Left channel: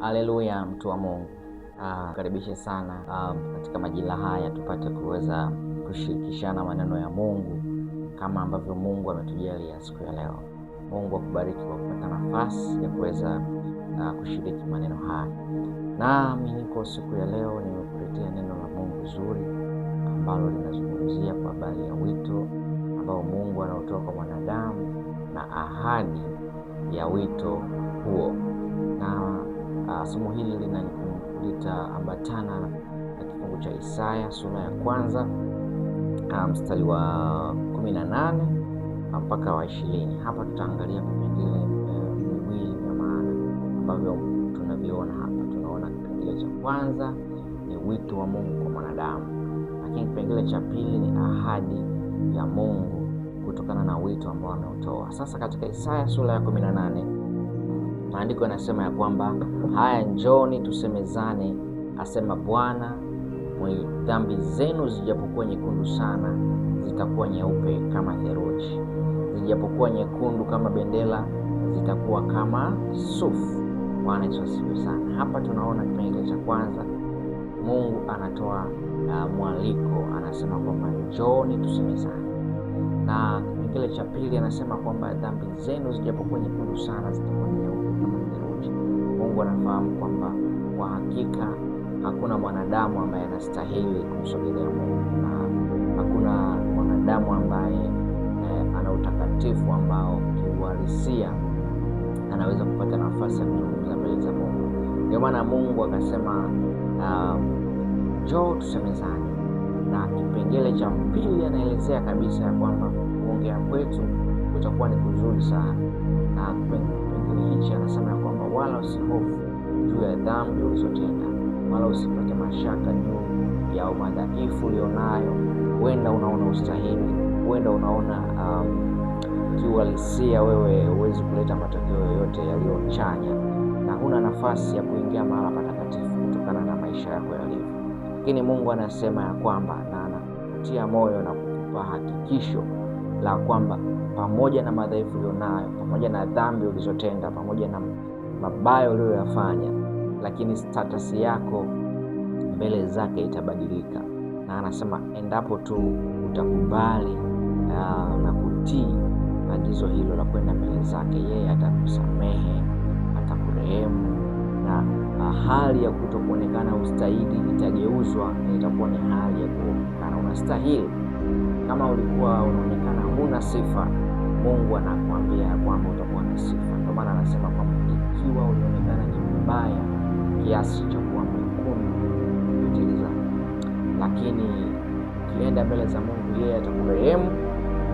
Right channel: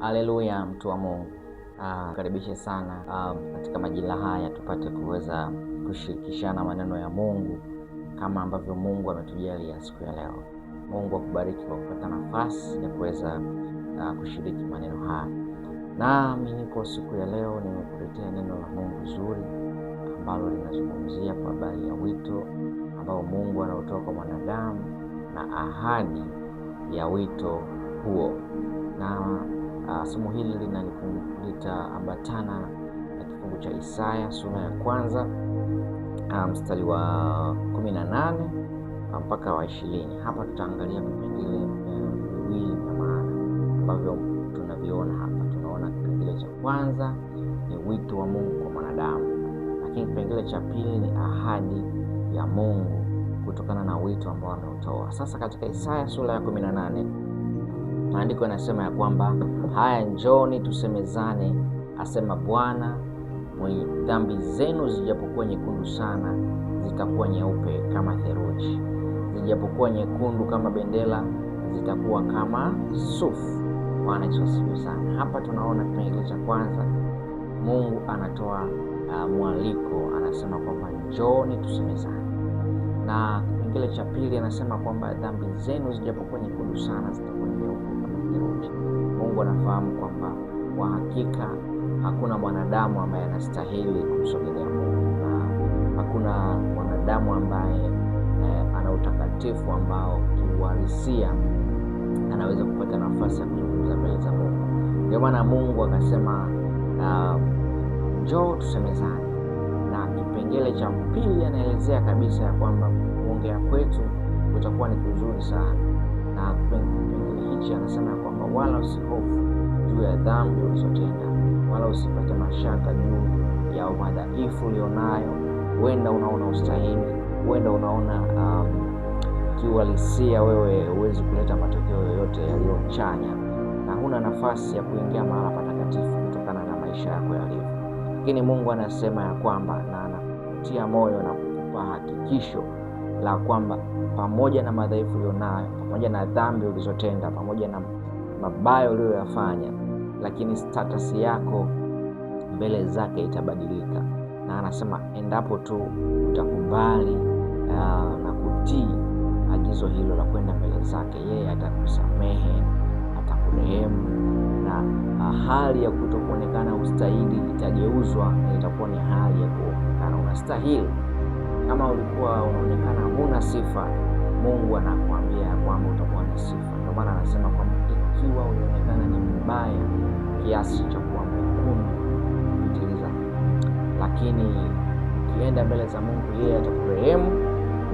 Haleluya, mtu wa Mungu. Karibishe sana katika majira haya tupate kuweza kushirikishana maneno ya Mungu kama ambavyo Mungu ametujalia siku ya leo. Mungu akubariki kwa kupata nafasi ya kuweza kushiriki maneno haya. Nami niko siku ya leo nimekuletea neno la Mungu zuri ambalo linazungumzia kwa habari ya wito ambao Mungu anautoa kwa mwanadamu na ahadi ya wito huo. Na somo hili litaambatana na kifungu cha Isaya sura ya kwanza mstari wa 18 mpaka wa 20. Hapa tutaangalia vipengele viwili vya maana ambavyo tunaviona hapa. Tunaona kipengele cha kwanza ni wito wa Mungu kwa mwanadamu, lakini kipengele cha pili ni ahadi ya Mungu kutokana na wito ambao ameutoa. Sasa katika Isaya sura ya 18 maandiko yanasema ya kwamba, haya njoni tusemezane, asema Bwana, mwenye dhambi zenu zijapokuwa nyekundu sana, zitakuwa nyeupe kama theluji. Zijapokuwa nyekundu kama bendera, zitakuwa kama sufu. Bwana Yesu asifiwe sana. Hapa tunaona kipengele cha kwanza, Mungu anatoa mwaliko, anasema kwamba njoni tusemezane. Na kipengele cha pili anasema kwamba dhambi zenu zijapokuwa nyekundu sana, zitakuwa nyeupe kama theluji. Mungu anafahamu kwamba kwa hakika hakuna mwanadamu ambaye anastahili kumsogelea Mungu, na hakuna mwanadamu ambaye ana utakatifu ambao kiuhalisia anaweza kupata nafasi ya kuzungumza mbele za Mungu. Ndio maana Mungu akasema njoo tusemezane. Na kipengele cha pili anaelezea kabisa ya kwamba kuongea kwetu kutakuwa ni kuzuri sana. Na kipengele hichi anasema ya kwamba wala usihofu juu ya dhambi ulizotenda, wala usipate mashaka juu ya madhaifu ulionayo. Huenda unaona ustahili, huenda unaona kiuhalisia wewe huwezi kuleta matokeo yoyote yaliyochanya, na huna nafasi ya kuingia mahala patakatifu kutokana na maisha yako yalivyo. Lakini Mungu anasema ya kwamba, na anakutia moyo na kukupa hakikisho la kwamba pamoja na madhaifu ulionayo, pamoja na dhambi ulizotenda, pamoja na mabaya uliyoyafanya, lakini status yako mbele zake itabadilika. Na anasema endapo tu utakubali na kutii agizo hilo la kwenda mbele zake, yeye atakusamehe, atakurehemu, na hali ya kutokuonekana ustahili itageuzwa na itakuwa ni hali ya kuonekana unastahili. Kama ulikuwa unaonekana huna sifa, Mungu anakuambia kwamba utakuwa na sifa. Ndio maana anasema kwamba ikiwa ulionekana ni mbaya kiasi cha kuwa mwekundu kupitiliza, lakini ukienda mbele za Mungu, yeye atakurehemu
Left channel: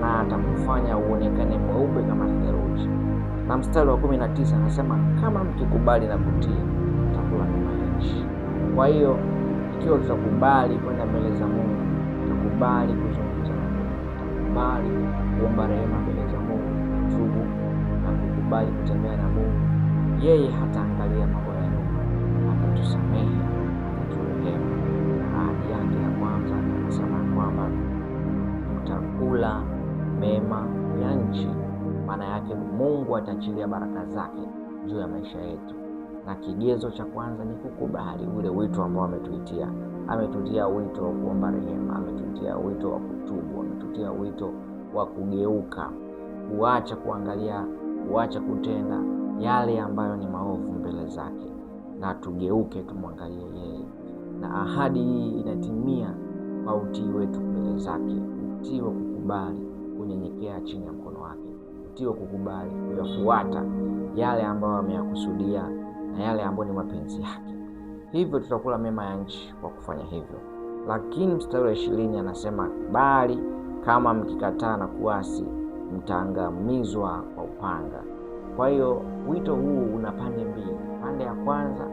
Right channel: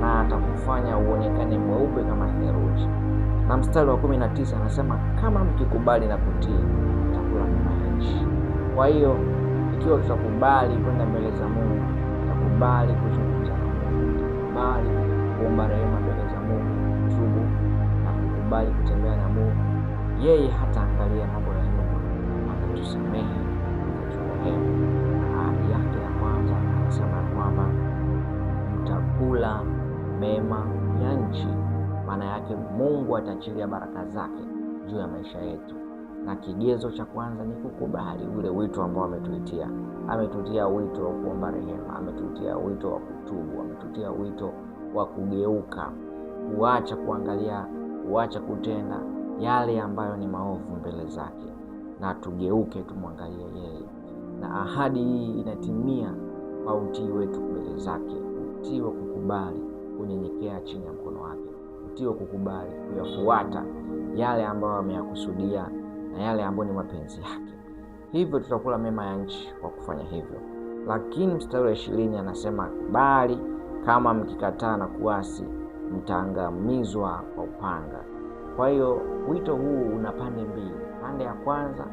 na atakufanya uonekane mweupe kama theluji. Na mstari wa 19 anasema kama mkikubali na kutii, mtakula mema ya nchi. Kwa hiyo ikiwa tutakubali kwenda mbele za Mungu, tutakubali kuzungumza na Mungu, tutakubali kuomba rehema mbele za Mungu, tubu na kukubali kutembea na Mungu, yeye hataangalia mambo ya nyuma, atatusamehe, ataturehemu. Na ahadi yake ya kwanza anasema kwamba mtakula mema ya nchi. Maana yake Mungu ataachilia baraka zake juu ya maisha yetu, na kigezo cha kwanza ni kukubali ule wito ambao ametuitia. Ametutia wito wa kuomba rehema, ametutia wito wa kutubu, ametutia wito wa kugeuka, kuacha kuangalia, kuacha kutenda yale ambayo ni maovu mbele zake, na tugeuke tumwangalie yeye. Na ahadi hii inatimia kwa utii wetu mbele zake, utii wa kukubali kunyenyekea chini ya mkono wake, utii wa kukubali kuyafuata yale ambayo ameyakusudia na yale ambayo ni mapenzi yake. Hivyo tutakula mema ya nchi kwa kufanya hivyo. Lakini mstari wa 20 anasema, bali kama mkikataa na kuasi, mtaangamizwa kwa upanga. Kwa hiyo wito huu una pande mbili. Pande ya kwanza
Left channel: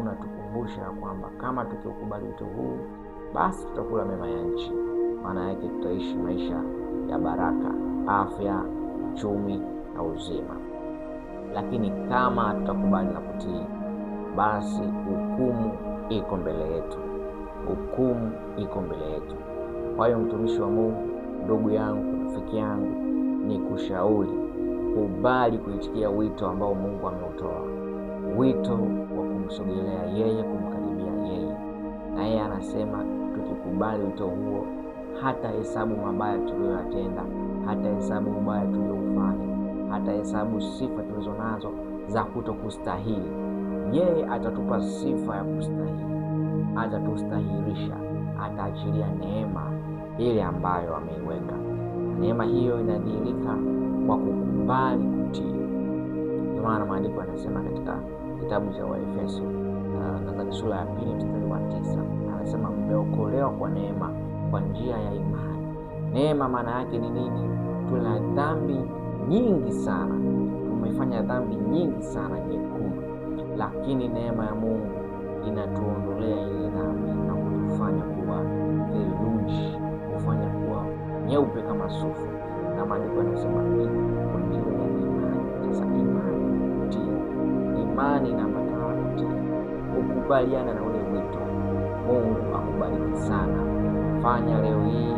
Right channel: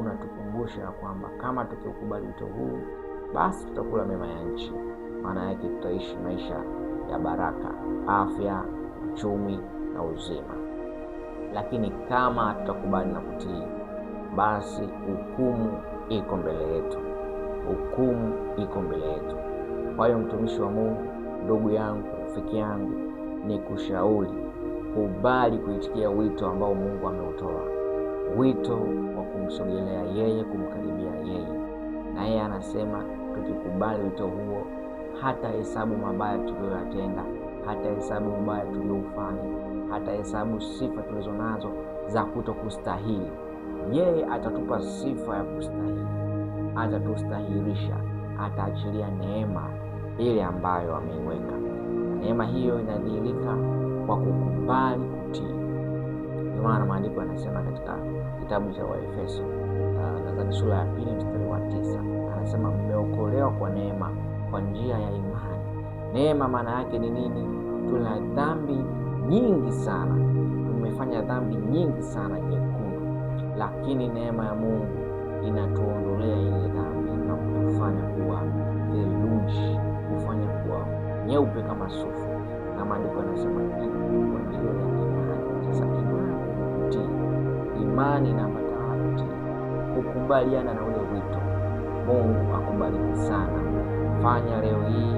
unatukumbusha kwamba kama tukiukubali wito huu, basi tutakula mema ya nchi. Maana yake tutaishi maisha ya baraka, afya, uchumi na uzima. Lakini kama tutakubali na kutii, basi hukumu iko mbele yetu. Hukumu iko mbele yetu. Kwa hiyo mtumishi wa Mungu, ndugu yangu, rafiki yangu, ni kushauri kubali kuitikia wito ambao Mungu ameutoa. wito wa kumsogelea yeye, kumkaribia yeye. Na yeye anasema tukikubali wito huo, hata hesabu mabaya tuliyoyatenda, hata hesabu ubaya tulioufanya, hata hesabu sifa tulizo nazo za kutokustahili, yeye atatupa sifa ya kustahili, atatustahilisha, ataachilia neema ile ambayo ameiweka. Na neema hiyo inadhihirika kwa kukubali kutii. Ndio maana maandiko yanasema katika kitabu cha Waefeso nadhani sura ya 2 mstari wa 9, anasema mmeokolewa kwa neema kwa njia ya imani. Neema maana yake ni nini? Tuna dhambi nyingi sana, tumefanya dhambi nyingi sana nyekundu, lakini neema ya Mungu inatuondolea ile dhambi na kutufanya kuwa theluji, kufanya kuwa nyeupe kama sufu. Na maandiko yanasema kwa njia ya imani. Sasa imani ni kutii, imani inaambatana na kutii, kukubaliana na ule wito. Mungu akubariki sana. Fanya leo hii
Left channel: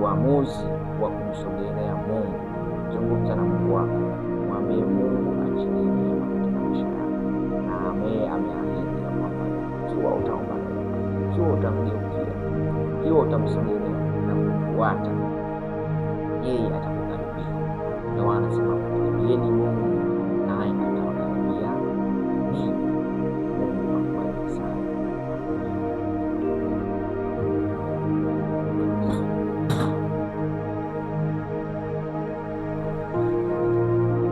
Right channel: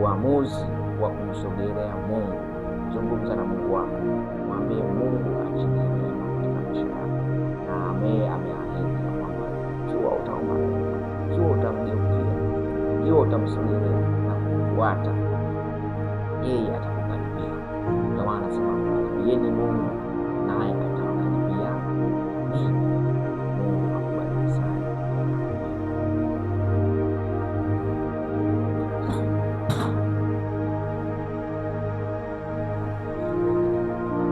uamuzi wa kumsogelea Mungu. Zungumza na Mungu wako, mwambie Mungu achilie neema katika maisha yako, na ameahidi ya kwamba ikiwa utaomba neema, ikiwa utamgeukia, ikiwa utamsogelea na kumfuata, yeye atakukaribia. Ndio maana anasema mkaribieni Mungu naye atawakaribia ninyi.